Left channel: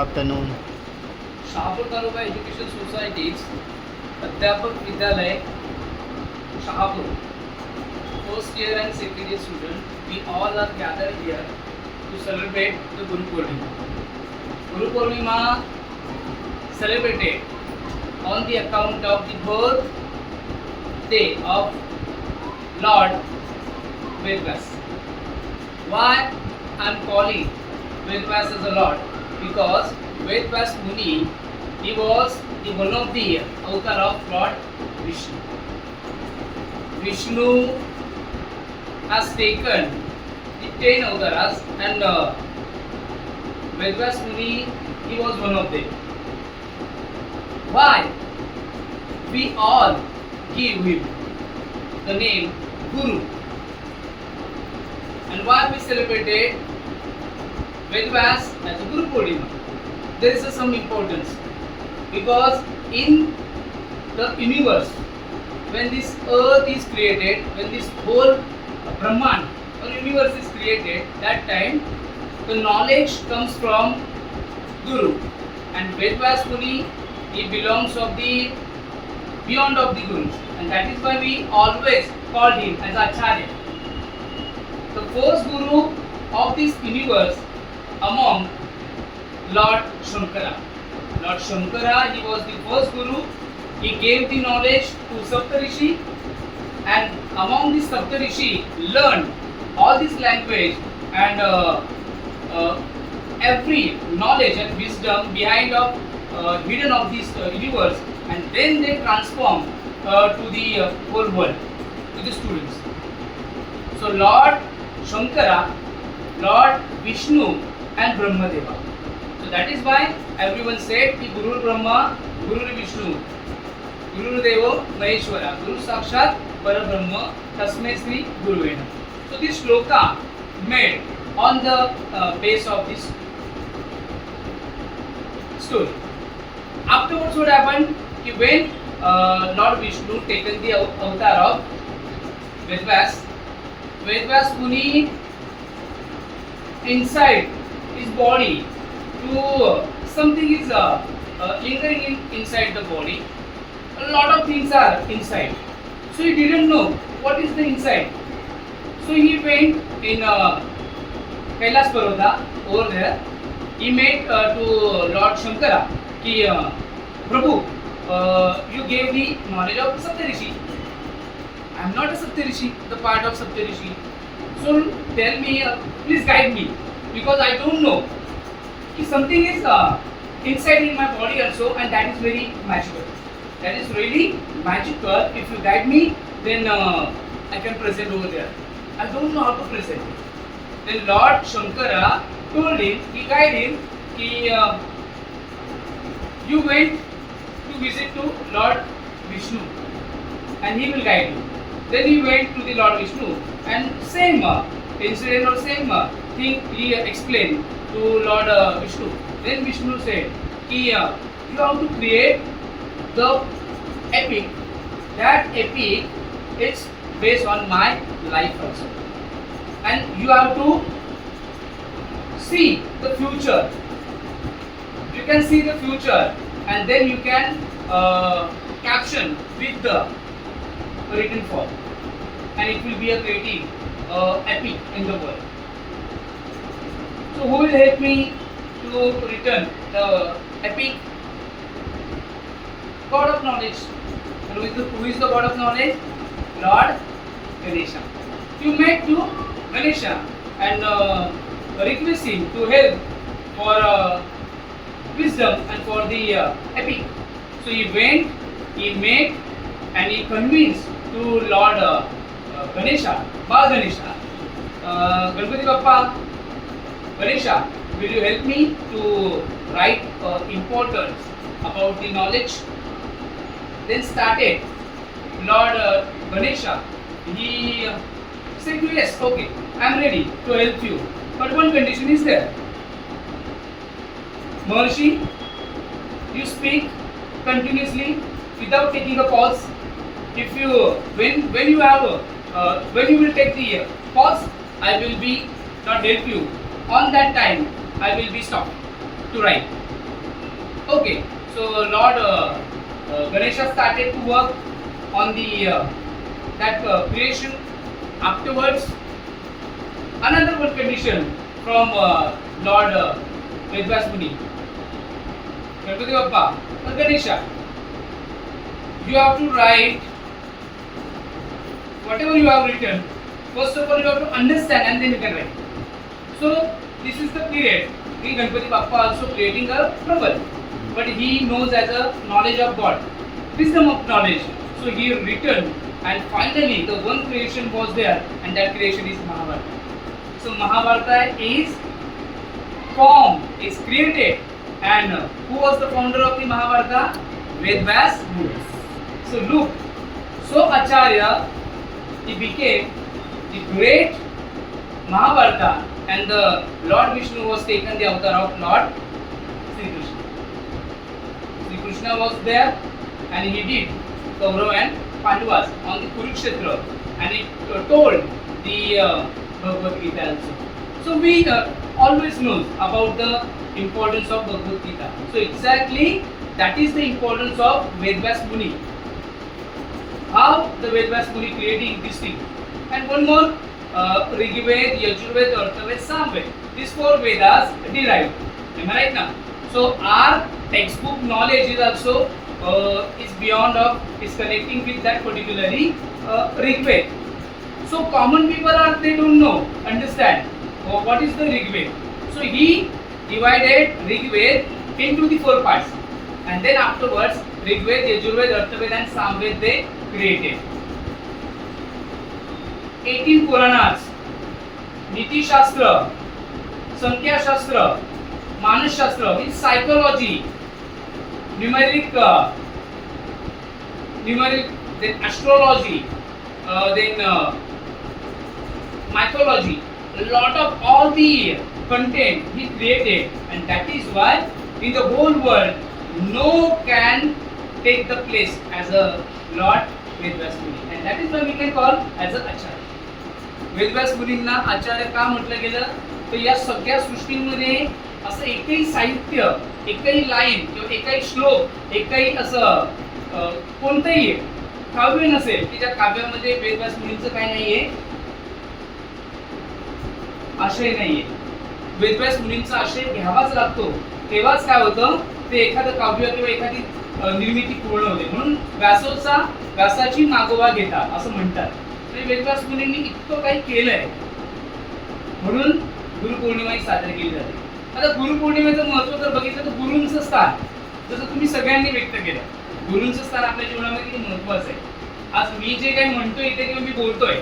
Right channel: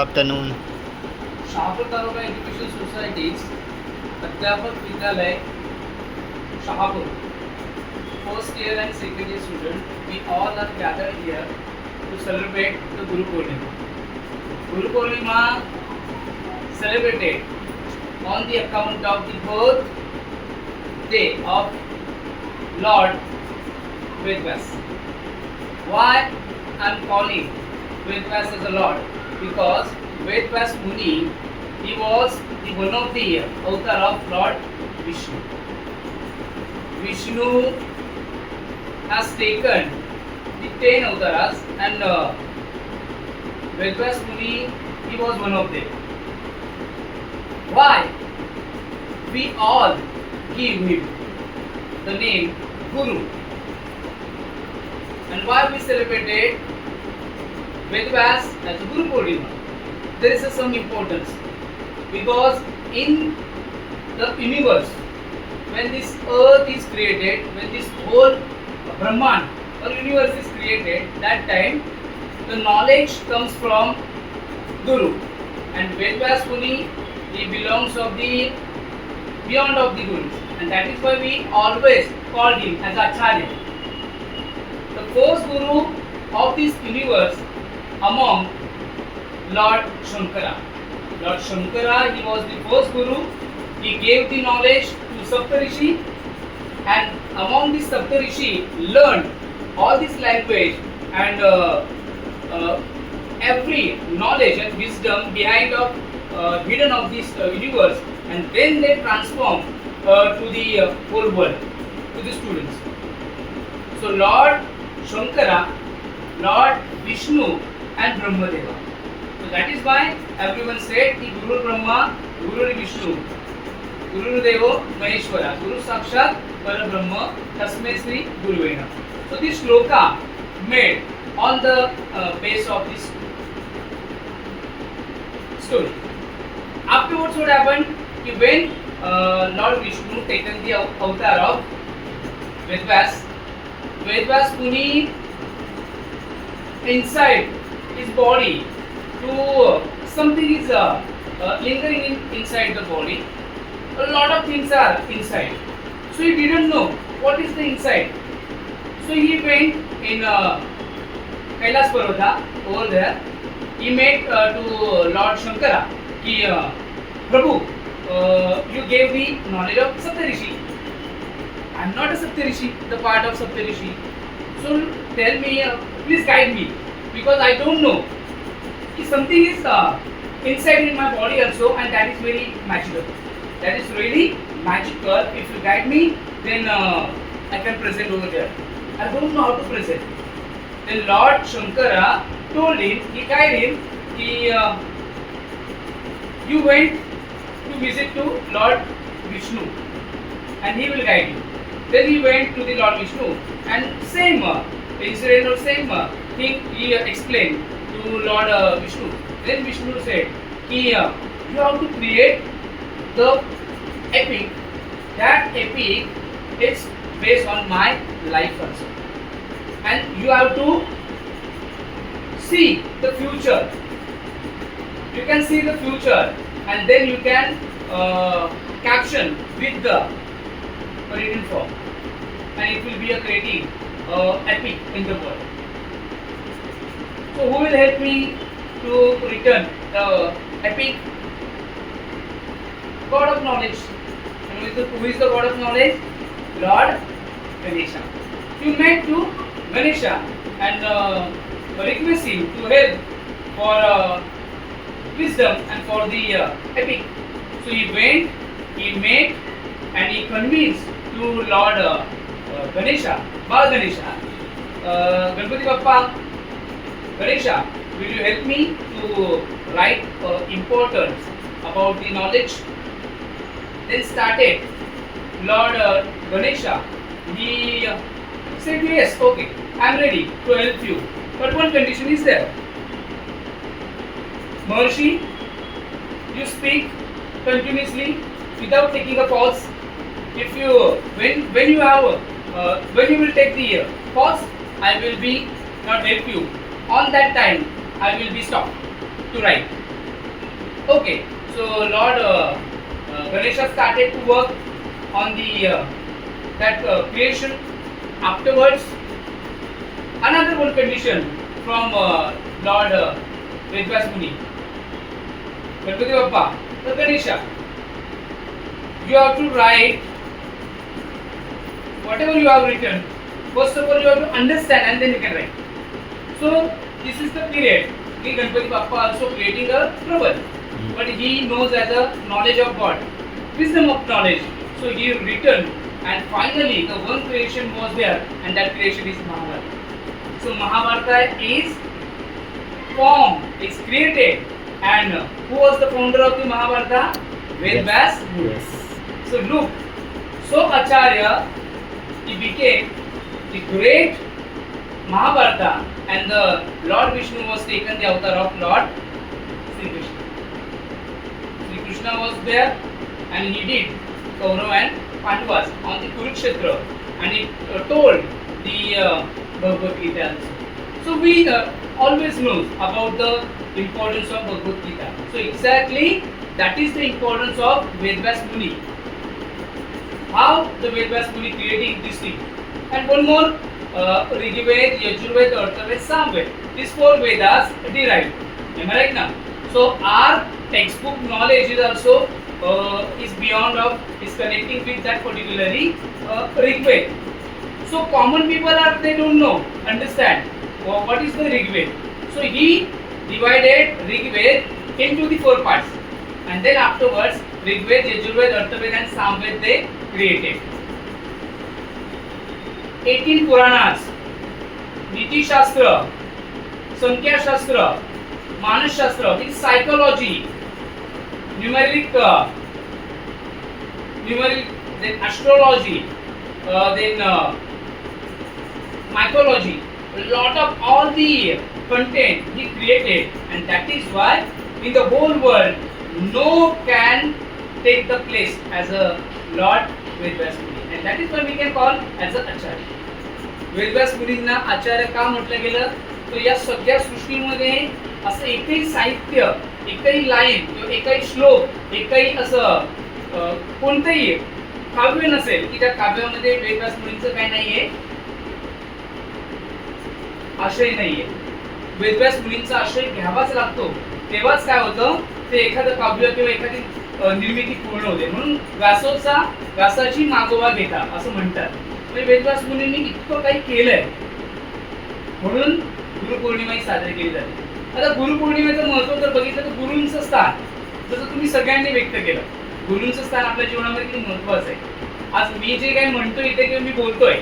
Afternoon Shahapur taluka education societies Adhyapak Vidyalaya Shahapur first year and second year student we all are gathered here to celebrate the Guru Purnima. Guru Purnima celebrated on the account of the birth day of Lord Vedvas. Why I am calling Vedvas as a Lord? Because Vedvas Muni, he was the one of the avatar of Lord Vishnu. Vishnu has taken the ten avataras and uh, Vedvas Muni, he was one of them. Why? We all give him the name Guru. And why we celebrated Vedvas as Guru Purnima? There is some importance because in the universe, when this earth is created, when this whole Brahman or universe is created, that time the knowledge comes from Guru. And Vedvas Muni, he belongs of the beyond of the Guru And that is why we always call him as Acharya. The first Guru of this universe among Lord Shankara. Lord Shankara, he was the first Guru. He gave the knowledge to Saptarishi and among the Saptarishi learned all this language and uh, uh, every knowledge and wisdom behind of uh, hidden of this uh, universe and then they transform uh, to the uh, whole world to the students. So Lord Shankara, Lord Vishnu and Brahmadeva. So that is why everyone said the Guru Brahma, Guru Vishnu, Guru Devo Maheshwara, Guru Sakshat Parabrahma, Tasme Sri Guruvena. So this shloka made on the uh, base of this story. Afterwards what happened? He when uh, Lord Vishnu taken the av- avatar of Vedvas, Vedvas Muni inside his body to uh, something is uh, uh, lingering in, inside the body. A lot of things are inside. So he didn't know what is the inside. So he went in uh, Kailas Parvata over there. He met uh, to Lord Shankara ki uh, Prabhu, uh, you gave me knowledge of Saptarishi. I am not a Saptarishi, the part of Saptarishi. So tell me, uh, please guide me because I don't know. If something is uh, inside in my body also and that is very magical. That is really magical. If you guide me, then uh, I can present over there. I don't know how to present. Then Lord Shankara told him, he guided him, he, uh, you went to visit to Lord Vishnu and he will guide you. Then he went to the Lord Vishnu and same uh, incident or same uh, thing he explained to Lord uh, Vishnu. Then Vishnu said, कि, uh, you have to create the epic. That epic is based on my life also. And you have to see the future. You can see the future and then you can uh, caption with the written form and it will be a creative uh, epic in the world. Will help me to return the epic? God of knowledge. Who is the, who is the God of knowledge? Lord Ganesha. You met to Ganesha and uh, request him to help for uh, wisdom and for the uh, epic. So he went, he met, and he convinced to Lord uh, uh, Ganesha, Ganesha, uh, Ganpati Bappa, Ganesha, will you help me to write uh, about the knowledge? Then started Lord uh, Ganesha. He uh, said, Yes, okay, I am ready to help you. But one condition is there. Maharshi, you speak continuously without taking a pause. If you, when when you have, uh, when you will take the uh, pause, I will be not help you. On that time, I will be stopped to write. Okay, so Lord uh, uh, Ganesha started to work on the uh, that uh, creation. Afterwards, another one condition from uh, Lord uh, Vedvas Muni. Ganpati Bappa, the Ganesha. You have to write whatever you have written. First of all, you have to understand and then you can write. So this is the period. Ki Ganpati Bappa also creating a trouble, but he knows as a knowledge of God, wisdom of knowledge. So he written, and finally the one creation was there, and that creation is Mahabharata. So Mahabharata is formed, is created, and who was the founder of the Mahabharata? Vedvas Muni. So look, so Acharya, he became the great Mahabharata and the Lord Vishnu was taken the avatar of Lord Sri Krishna. Sri Krishna was there and he did Kaurav and Pandavas on the Kurukshetra and he uh, told the uh, Bhagavad Gita also. So we uh, always know about the importance of Bhagavad Gita. So exactly that is the importance of Vedvas Muni. How the Vedvas Muni creating this thing. And one more, Rigved, Yajurved, Arthaved, Samved. These four Vedas derived. Am I right now? So our textbook knowledge is also uh, is beyond of is connecting with that particularly uh, Rigved. So common people are they don't know, understand uh, what is the Rigved. So he divided Rigved into the four parts, and then afterwards Rigved, Yajurved, Arthaved, and Samved they created. 18 Puranas, नीतिशास्त्र संख्याशास्त्र मानसशास्त्र in psychology numeric numeric then astrology uh, then uh, mythology a lot of all the content he created and that is why in the whole world no can take the place as a lord Vedvas Muni and that we can call as a acharya Vedvyas मुनींना आचार्य का म्हटलं गेलं? तर या सगळ्या सृष्टीमध्ये असं एकही साहित्य एकही लाईन किंवा एकही श्लोक एकही असं कोणतंही काव्य नसेल की त्या काव्यामध्ये वेदव्यास मुनींचं काही नाहीये आशय नाहीये. वेदव्यास मुनींचा आशय घ्यावाच लागतो. तेव्हाच काय होतं? ते एखादं काव्य किंवा एखादी निर्मिती पूर्ण होते. म्हणून व्यासोचा व्यासाची मागोवा घेता असं म्हणतात. म्हणजे वेदव्यास मुनींनी इतकं काही केलंय. म्हणून गुरुपौर्णिमा ही साजरी केली जाते. आता गुरुपौर्णिमेचं महत्त्व जर बघितलं तर गुरूंचं स्थान. जसं तुम्ही सगळ्यांनी व्यक्त केलं. गुरूंचं स्थान आपल्या जीवनामध्ये किती महत्वाचं आहे. आज मी जे काही म्हणतो इथे किंवा मी बोलतोय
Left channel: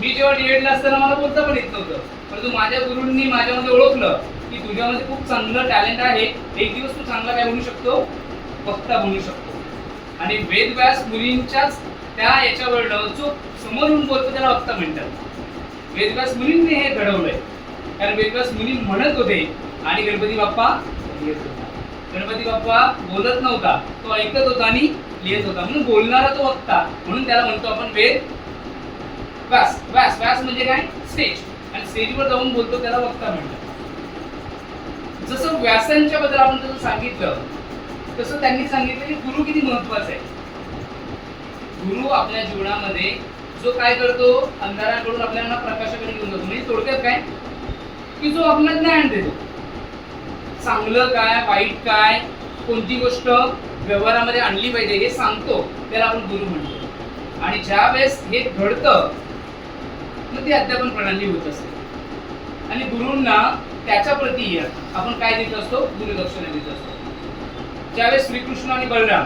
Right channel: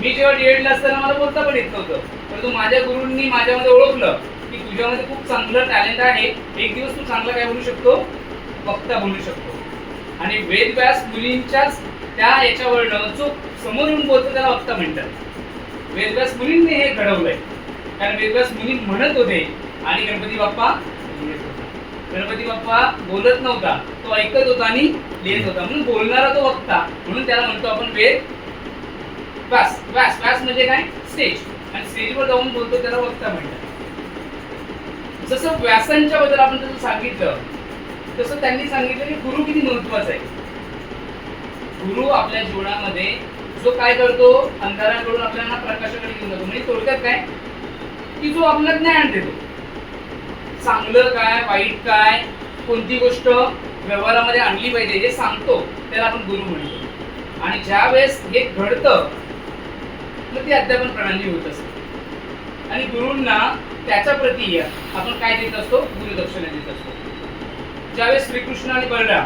मी जेव्हा डीएडला असताना मला बोलता पण येत नव्हतं. परंतु माझ्या गुरूंनी माझ्यामध्ये ओळखलं की तुझ्यामध्ये खूप चांगलं टॅलेंट आहे. एक दिवस तू चांगला काय म्हणू शकतो? वक्ता बोलू शकतो. आणि वेदव्यास मुलींच्याच त्या याच्यावरनं जो समोर बोलतो त्याला वक्ता म्हणतात. वेदव्यास मुलींनी हे घडवलंय. कारण वेदव्यास मुली म्हणत होते आणि गणपती बाप्पा गणपती बाप्पा बोलत नव्हता तो ऐकत होता आणि लिहित होता. म्हणून बोलणारा तो वक्ता म्हणून त्याला म्हणतो आपण वेद व्यास. व्यास व्यास म्हणजे काय? स्टेज. आणि स्टेजवर जाऊन बोलतो त्याला वक्ता म्हणतात. जसं व्यासांच्या बद्दल आपण जसं सांगितलं तसं त्यांनी सांगितलं की गुरु किती महत्त्वाचा आहे. गुरु आपल्या जीवनामध्ये जो काय करतो अंधाराकडून आपल्याला प्रकाशाकडे घेऊन जातो. म्हणजे थोडक्यात काय? की जो आपल्याला ज्ञान देतो. चांगलं काय वाईट काय कोणती गोष्ट व्यवहारामध्ये आणली पाहिजे हे सांगतो त्याला आपण गुरु म्हणतो. आणि ज्या वेळेस हे घडतं मग ती अध्यापन प्रणाली होत असते. आणि गुरूंना त्याच्या प्रती आपण काय देत असतो? गुरुदक्षिणा देत असतो. ज्यावेळेस श्रीकृष्ण आणि बलराम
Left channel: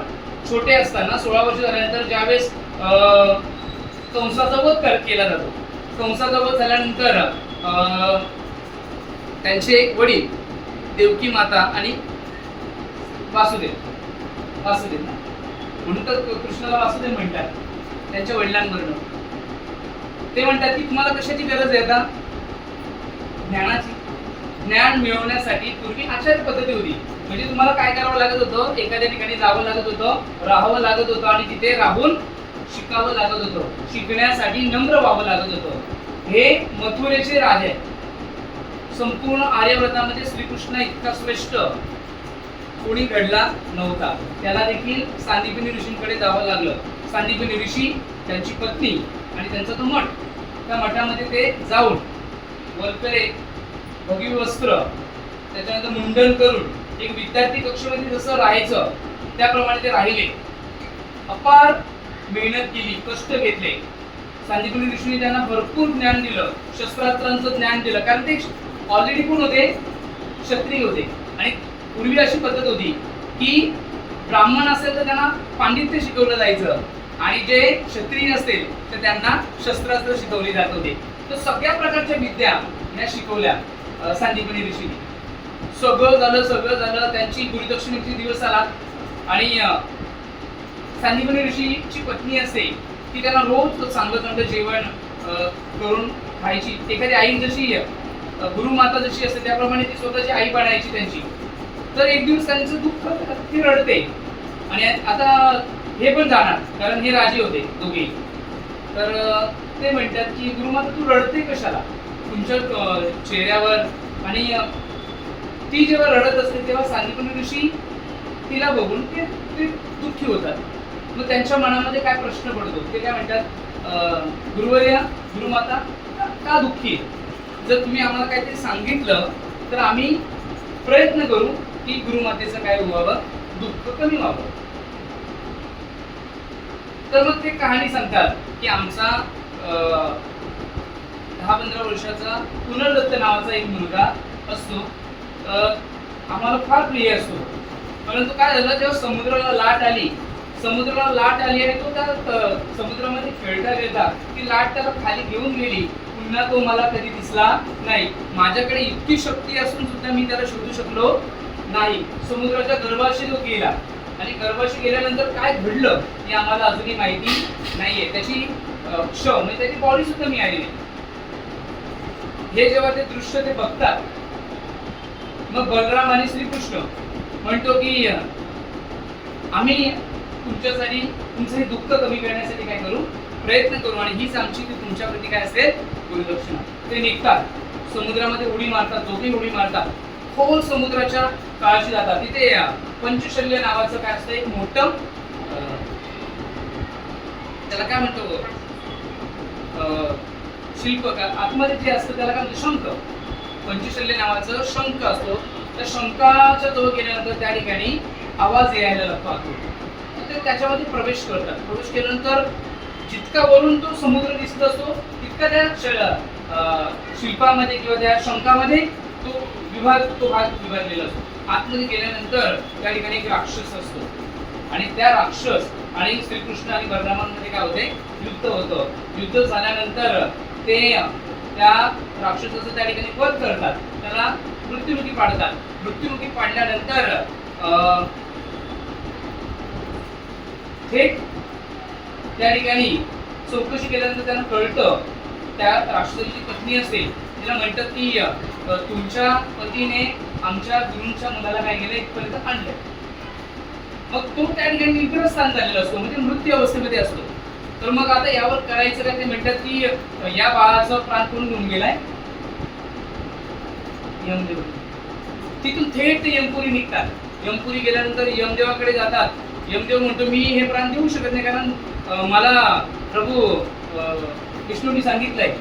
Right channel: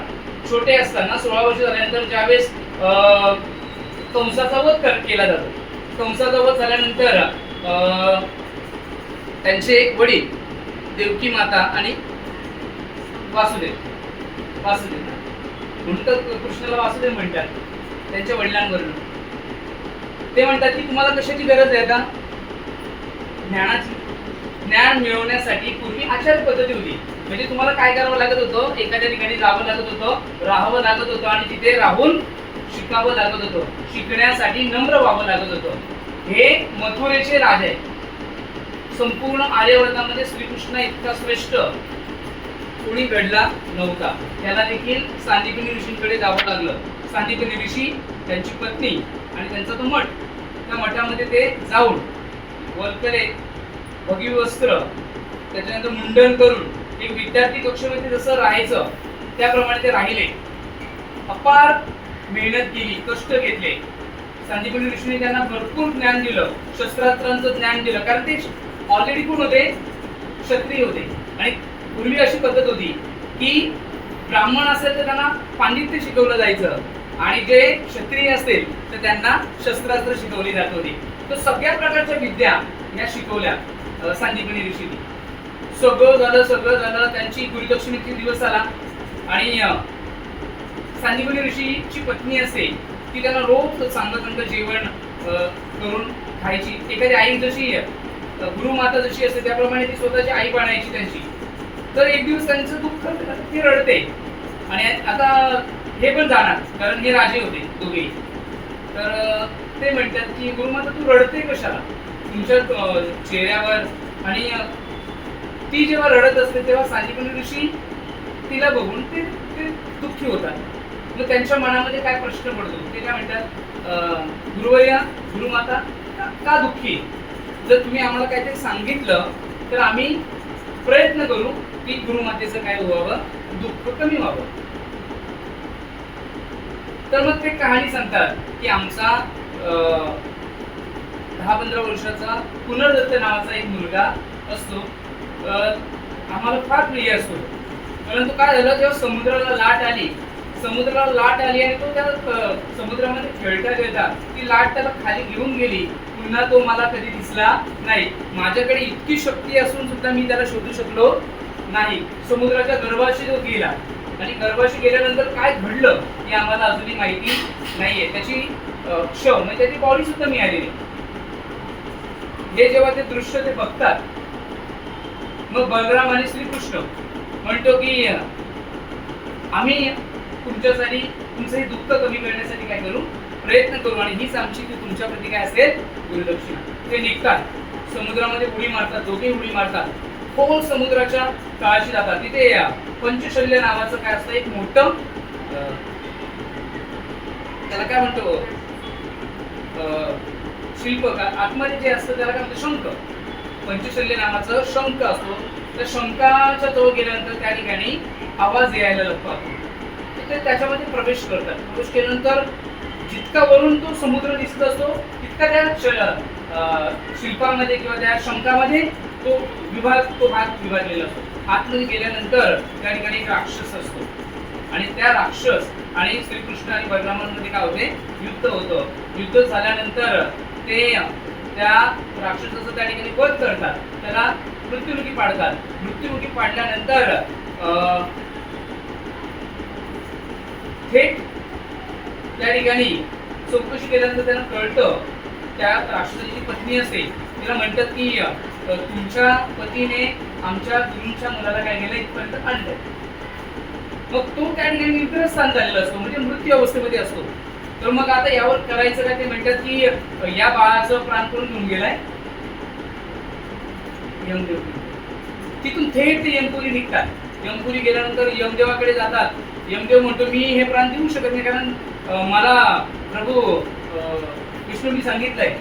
छोटे असताना सोळा वर्ष झाल्यानंतर ज्यावेळेस अं, कंसाचा वध केला जातो. कंसाचा वध झाल्यानंतर अं, त्यांचे एक वडील देवकी माता आणि वासुदेव वासुदेव. म्हणून तर कृष्णाला वासुदेव म्हणतात त्यांच्या वडिलांवरून. ते म्हणतात की तुम्हाला कशाची गरज आहे आता? ज्ञानाची. ज्ञान मिळवण्यासाठी पूर्वी आचार पद्धती होती. म्हणजे तुम्हाला काय करावं लागत होतं? एखाद्या ठिकाणी जावं लागत होतं राहावं लागत होतं आणि तिथे राहून शिकावं लागत होतं. शिकण्यासाठी नम्र व्हावं लागत होतं. हे मथुरेचे राजे. आहे संपूर्ण आर्यव्रतामध्ये श्रीकृष्ण इतका श्रेष्ठ. कोणी घडला नव्हता. त्याला देखील सांदीपनी ऋषींकडे जावं लागलं. सांदीपनी ऋषी त्यांची पत्नी आणि त्यांचा तो मठ. त्या मठामध्ये ते जाऊन वल्कले भगी वस्त्र त्याच्यानंतर मुंडन करून एक विद्यार्थी कक्षामध्ये जसं राहायचं त्याप्रमाणे ते राहिले. अपार मेहनत केली कष्ट घेतले. सांदीपनी ऋषीने त्यांना भरपूर ज्ञान दिलं शस्त्रास्त्रांचं ज्ञान दिलं. कारण ते ऑलरेडी कोण होते? क्षत्रिय होते. आणि पूर्वी अशी पद्धत होती की ब्राह्मण असेल तर त्यांना पांडित्य शिकवलं जायचं आणि जे क्षत्रिय असतील तर त्यांना शस्त्रास्त्र शिकवली जात होती. तर सगळ्या प्रकारच्या विद्या या शिकवल्या अं, सांदीपनी ऋषीने. सगळं झालं सगळं झालं. त्यांची गुरुदक्षिणेचे दिवस आला. आणि सांदीपनी ऋषीची पत्नी असते ती त्यांना रोज चांगलं चांगलं जेवण करून खायची. एखादी आई जशी अं, गुरुमाता जशी असते त्याप्रमाणे ती स्वतःची आई बनायची त्यांची. तर एक दिवस त्यांचं दुःख ती रडते. आणि आता हे पण जाणार कारण हे राजे होते दोघेही. तर ते म्हणतात की गुरुमाता तू रडते कशाला? तुमच्या चेहऱ्यावर आणि ती जेव्हा रडत असते तेव्हा सांदीपनी ऋषी तिला बघून ते ते दुःखी होतात. मग त्यांच्या मनामध्ये काय प्रश्न पडतो? ते काय म्हणतात गुरुवर्या गुरुमाता का- दुःखी? जर तुम्ही आम्हाला काहीतरी सांगितलं तर आम्ही प्रयत्न करू की गुरुमातेचं काय व्हावं दुःख कमी व्हावं. तर मग ते कहाणी सांगतात की आमचा अं, दहा पंधरा वर्षाचा पुनर्दत्त नावाचा एक मुलगा असतो. आम्हाला फार प्रिय असतो. परंतु काय झालं जेव्हा समुद्राला लाट आली समुद्राला लाट आली आणि तो त्या समुद्रामध्ये खेळता खेळता ती लाट त्याला खाली घेऊन गेली. पुन्हा तो मला कधी दिसला नाही. माझ्याकडे इतकी शक्ती असून सुद्धा मी त्याला शोधू शकलो नाही. समुद्राच्या गर्भाशी तो गेला. आणि गर्भाशी गेल्यानंतर काय घडलं हे आम्हाला अजूनही माहिती नाहीये. त्याची क्ष म्हणजे त्याची बॉडी सुद्धा मिळाली नाही. हे जेव्हा ते दृश्य ते बघतात मग बलराम आणि श्रीकृष्ण म्हणतो की आम्ही तुमच्यासाठी तुमचं हे दुःख कमी करण्यासाठी काय करू? प्रयत्न करू आणि हीच आमची ती तुमच्या प्रती काय असेल? गुरुदक्षिणा ते निघतात. समुद्रामध्ये उडी मारतात दोघे उडी मारतात. खोल समुद्राच्या काळाशी जातात. तिथे पंचशल्य नावाचं काय असतं? एक मोठं त्याला काय म्हणतो? अं, शिल्प का आतमध्ये जे असतं त्याला काय म्हणतो? शंख. पंचशल्य नावाचं शंख असतो. त्या शंखाच्या जवळ गेल्यानंतर त्या ठिकाणी आवाज यायला लागतो. तर ते त्याच्यामध्ये प्रवेश करतात. प्रवेश केल्यानंतर जितका वरून तो समुद्र दिसत असतो तितका त्या शिल्पामध्ये किंवा त्या शंखामध्ये तो विभाग तो भाग विभागलेला असतो. आतमध्ये गेल्यानंतर त्या ठिकाणी एक राक्षस असतो. आणि त्या राक्षस आणि श्रीकृष्ण आणि बलरामांमध्ये काय होते? युद्ध होतं. युद्ध झाल्यानंतर ते त्या राक्षसाचं त्या ठिकाणी वध करतात. त्याला मृत्युमुखी पाडतात. मृत्युमुखी पाडल्यानंतर अं, थेट त्या ठिकाणी चौकशी केल्यानंतर त्यांना कळतं त्या राक्षसाची पत्नी असते तिला म्हणतात की तुमच्या पतीने आमच्या गुरूंच्या मुलाला काय केलं इथपर्यंत आणलं मग तो त्या ठिकाणी निद्रस्थान झालेला असतो म्हणजे मृत्यू अवस्थेमध्ये असतो. तर मग आता यावर करायचं काय? ते म्हणतात की या बाळाचं प्राण करून घेऊन गेलाय? यमदेव तिथून थेट ते यमपुरी निघतात. यमपुरी गेल्यानंतर यमदेवाकडे जातात. यमदेव म्हणतो मी हे प्राण देऊ शकत नाही कारण मला प्रभू अं, विष्णूंनी सांगितलंय.